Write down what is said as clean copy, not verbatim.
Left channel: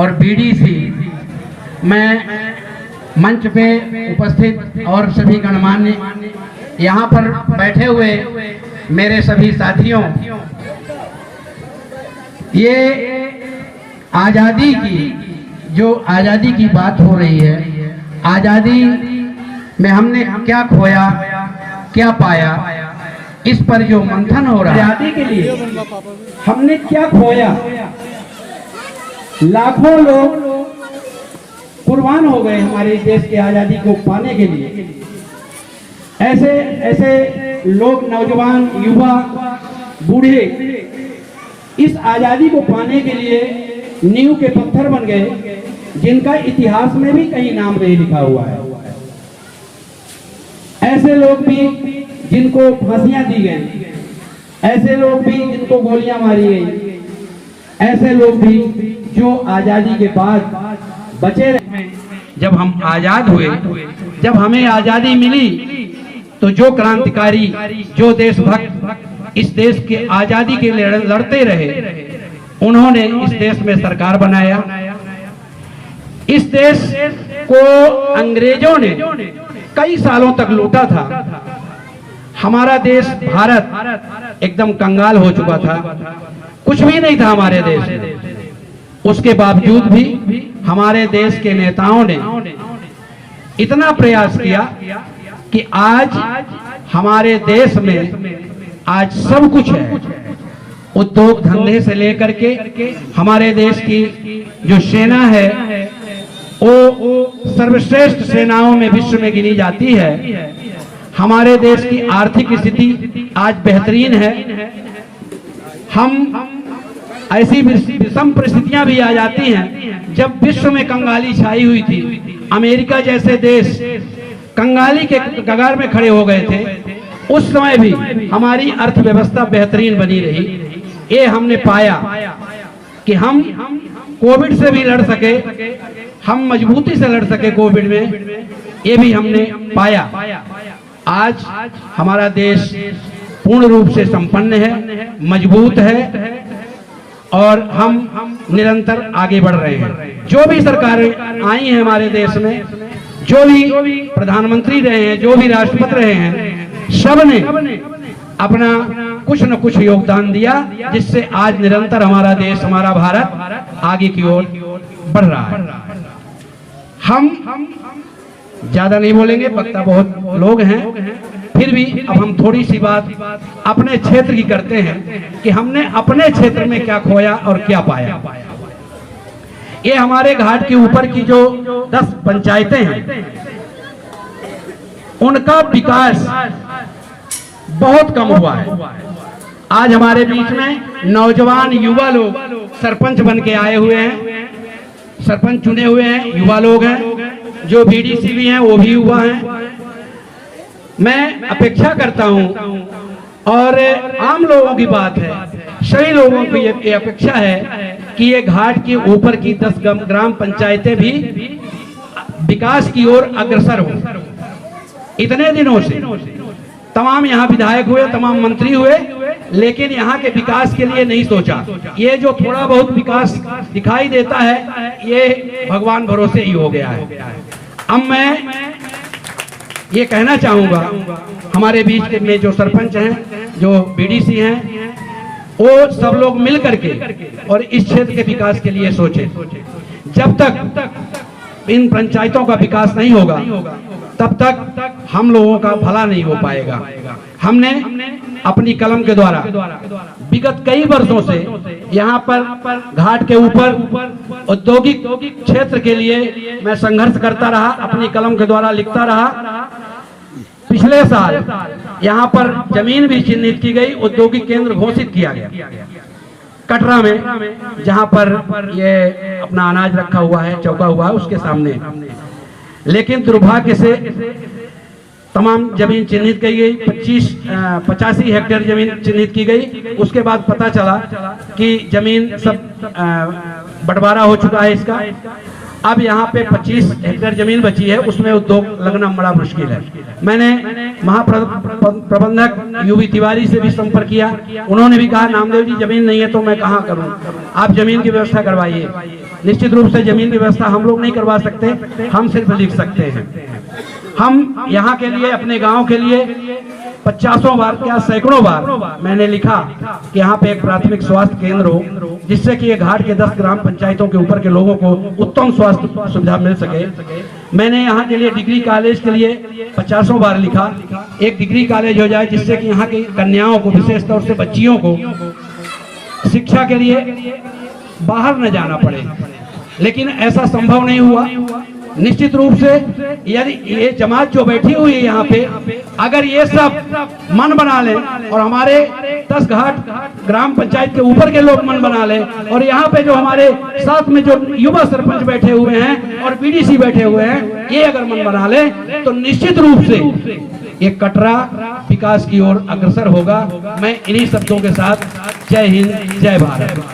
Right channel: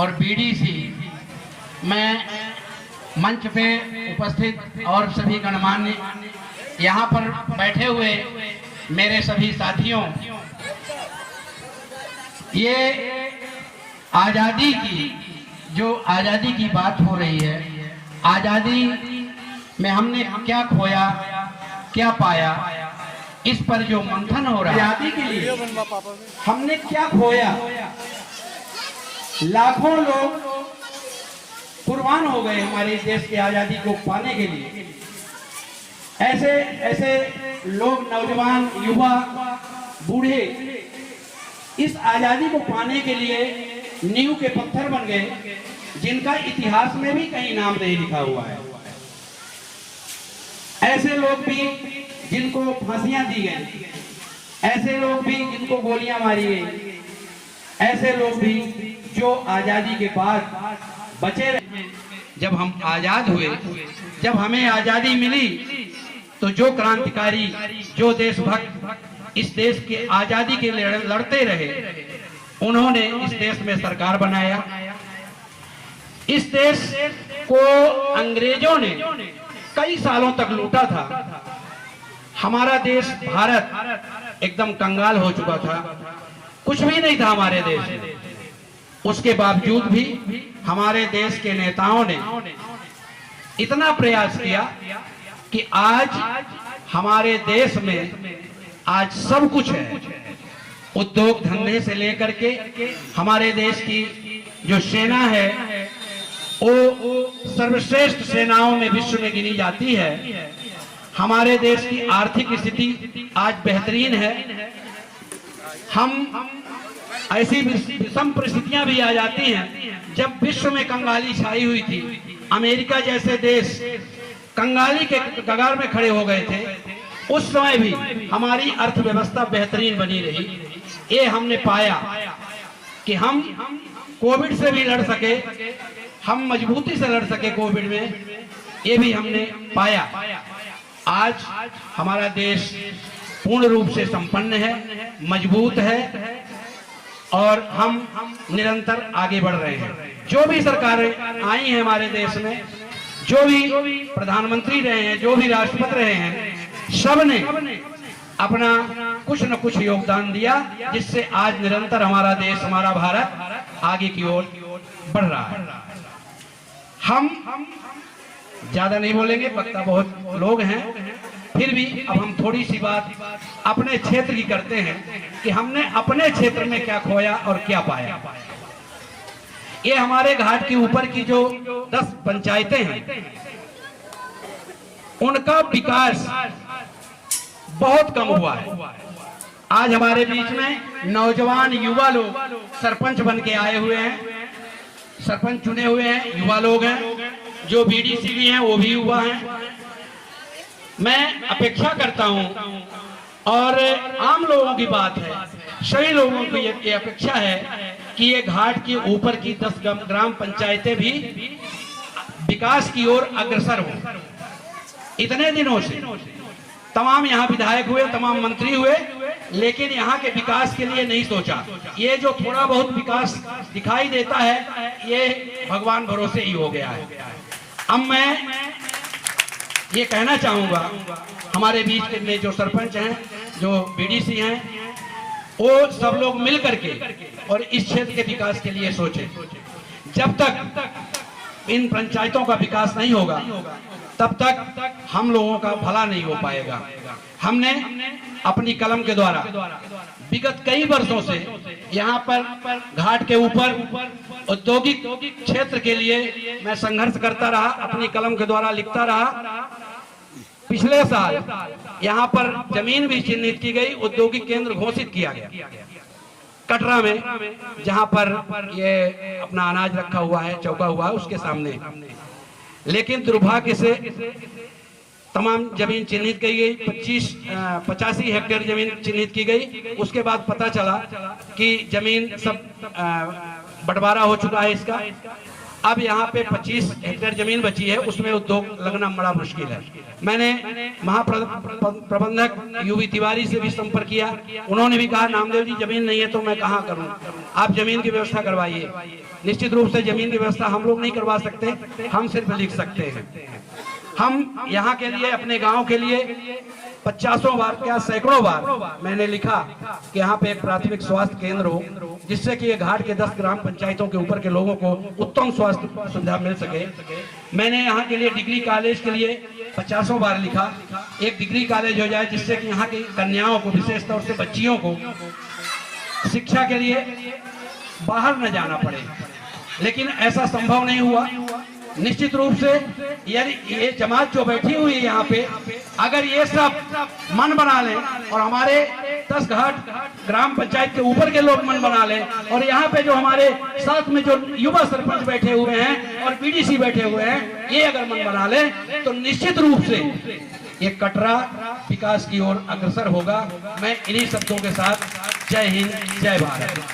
और बीडीसी, मैं मंच पे उपस्थित और सभी गणमान्य यहाँ पर बैठे हुए मेरे सभी साथियों, ये आज़ादी की बात हो रही है। आज़ादी में हमने क्या खोया, क्या पाया, इस पर जो मंथन हो रहा है। आज़ादी के लिए हमने क्या खोया, लाखों लोग कुर्बान हो गए हमारे देश की आज़ादी को पाने के लिए। ऐसे लोग, नौजवान, युवा, बूढ़े इस आज़ादी को पाने के लिए नींव के पत्थर बन गए, जिनका इतिहास में भी कहीं नाम नहीं लिखा हुआ है। ऐसे लोग भी जिनको फांसियां दी गई, ऐसे लोग भी जिनको गोलियां मारी गई, ऐसे लोग भी जो आज़ादी के बाद बचे रहे। जब हम आज़ाद हुए, जब हमें आज़ादी मिली, तो जो क्रांतिकारी, जो देशभक्त इस देश के आज़ादी के लिए लड़ते रहे, उन्होंने इस देश में सरकार बनाया। इस देश को अंग्रेजों ने कई सालों तक लूटा था। हमारा देश भारत एकदम कंगाल हो चुका था, कुछ भी नहीं था हमारे देश में। उसके बावजूद भी हमारे देश के नेताओं ने इतना प्रयास किया कि आज हमारे देश में आज सब कुछ है। उद्योग धंधे से लेकर के हमारे देश की जो सेना है वो सर्वश्रेष्ठ सेनाओं में विश्व में गिनी जाती है। हमारे देश की आर्थिक स्थिति आज बेहतरीन है। हम ऐसी विषम परिस्थितियां भी आ जाती हैं, जब विश्व में कंगाली छाई हुई थी, अमेरिका जैसे देश कंगाली के कगार में खड़े हो गए थे, उस समय भी हमारी अर्थव्यवस्था बेहतरीन बनी रही। ये हमने पाया कि हम कोविड से भी लड़ सके, हम मजबूती से लड़ सके कोविड में, ये भी हमने पाया। आज हमारा देश पूर्ण रूप से संपन्न है, मजबूत है और हम निरंतर आगे बढ़ रहे हैं। जो भी सरकारें आई हैं हमारे देश में, जो भी प्रधानमंत्री रहे हैं, जो भी राष्ट्रपति रहे हैं, सब ने अपना कुछ न कुछ योगदान दिया, जिससे आज निरंतर हमारा देश, हमारा भारत आगे की ओर बढ़ रहा है। हम ज्यादा नहीं बोलेंगे, वक्ता बहुत लोग हैं, फिर भी अब हम थोड़ी सी बात अपने क्षेत्र की करते हैं कि हमने अपने क्षेत्र में क्या खोया और क्या पाया। ये हमारे घाट के ऊपर की जो 10 पंचायतें हैं, उनका विकास बहुत कम हुआ है। आज हमारे बीच में नौजवान युवा लोग सरपंच बन के आए हुए हैं, सरपंच चुने हुए हैं, युवा लोग हैं। जो बीडीसी भी हैं वो भी युवा हैं। मैं अपेक्षा करता हूं, और आम लोगों की बात है, सभी लोगों की ये अपेक्षा है कि ये घाट के ऊपर की 10 ग्राम पंचायतें भी विकास की ओर अग्रसर हो। इतने दिनों से तमाम यहाँ विधायक हुए, तमाम मंत्री हुए, लेकिन यहाँ के विकास के लिए नहीं सोचा। ये जो थोड़ा बहुत विकास दिखाई देता है, ये भगवान भरोसे ही हो गया है। अब मैं ये कहना चाहूंगा, हमारे बीच में जो सरपंच हैं, जो बीडीसी हैं, वो सब लोग मिल करके और इस क्षेत्र के विकास के लिए सोचे। जब तक इन पंचायतों का विकास नहीं होगा, तब तक हम लोगों का भला नहीं हो पाएगा। हमने अपनी कलम के द्वारा विगत कई वर्षों से यहाँ पर घाट के ऊपर औद्योगिक क्षेत्र के लिए मैं संघर्ष करता रहा, अपनी कलम के द्वारा लिखता रहा। पिछले साल यहाँ पर जमीन भी चिन्हित की गई, औद्योगिक केंद्र घोषित किया गया कटरा में, जहाँ पर ये अपना अनाज रखा हुआ है, चौका हुआ है उसके सामने। लेकिन दुर्भाग्य से तमाम जमीन चिन्हित की गई, 85 हेक्टेयर जमीन चिन्हित की गई। उसके बाद पता चला कि जमीन सब बंटवारा हो चुका है इसका। अब यहाँ पे 25 हेक्टेयर जमीन बची है, उसमें उद्योग लगना बड़ा मुश्किल है। मैंने महाप्रबंधक यूवी तिवारी से भी संपर्क किया, उन्होंने भी कहा नामदेव जी जमीन नहीं है तो मैं कहाँ करूँ, आप जमीन की व्यवस्था करवाइए। निश्चित रूप से जमीन व्यवस्था हम लोग नहीं करवा सकते, हम सिर्फ लिख सकते हैं। हम यहाँ के लिए, अपने गांव के लिए 50 बार क्या सैकड़ों बार मैंने लिखा कि यहाँ पे एक प्राथमिक स्वास्थ्य केंद्र हो, जिससे कि ये घाट के 10 ग्राम पंचायतों के ऊपर के लोगों को उत्तम स्वास्थ्य सुविधा मिल सके। मैंने यहाँ के लिए डिग्री कॉलेज के लिए 50 बार लिखा, एक डिग्री कॉलेज हो जाए जिससे कि यहाँ की कन्याओं को, विशेष तौर से बच्चियों को शिक्षा के लिए बाहर न जाना पड़े, लेकिन ऐसा संभव नहीं हुआ। निश्चित रूप से यदि ये जमात जो बैठी हुई है यहाँ पे, अगर ये सब मन बना लें और हमारे 10 घाट ग्राम पंचायत के ऊपर के लोग मन बना लें, और यहाँ पे जो हमारे साथ में जो युवा सरपंच बैठे हुए हैं और बीडीसी बैठे हुए हैं, ये अगर मन बना लें तो निश्चित रूप से ये कटरा विकास की ओर अग्रसर होगा। मैं इन्हीं शब्दों के साथ जय हिंद, जय भारत।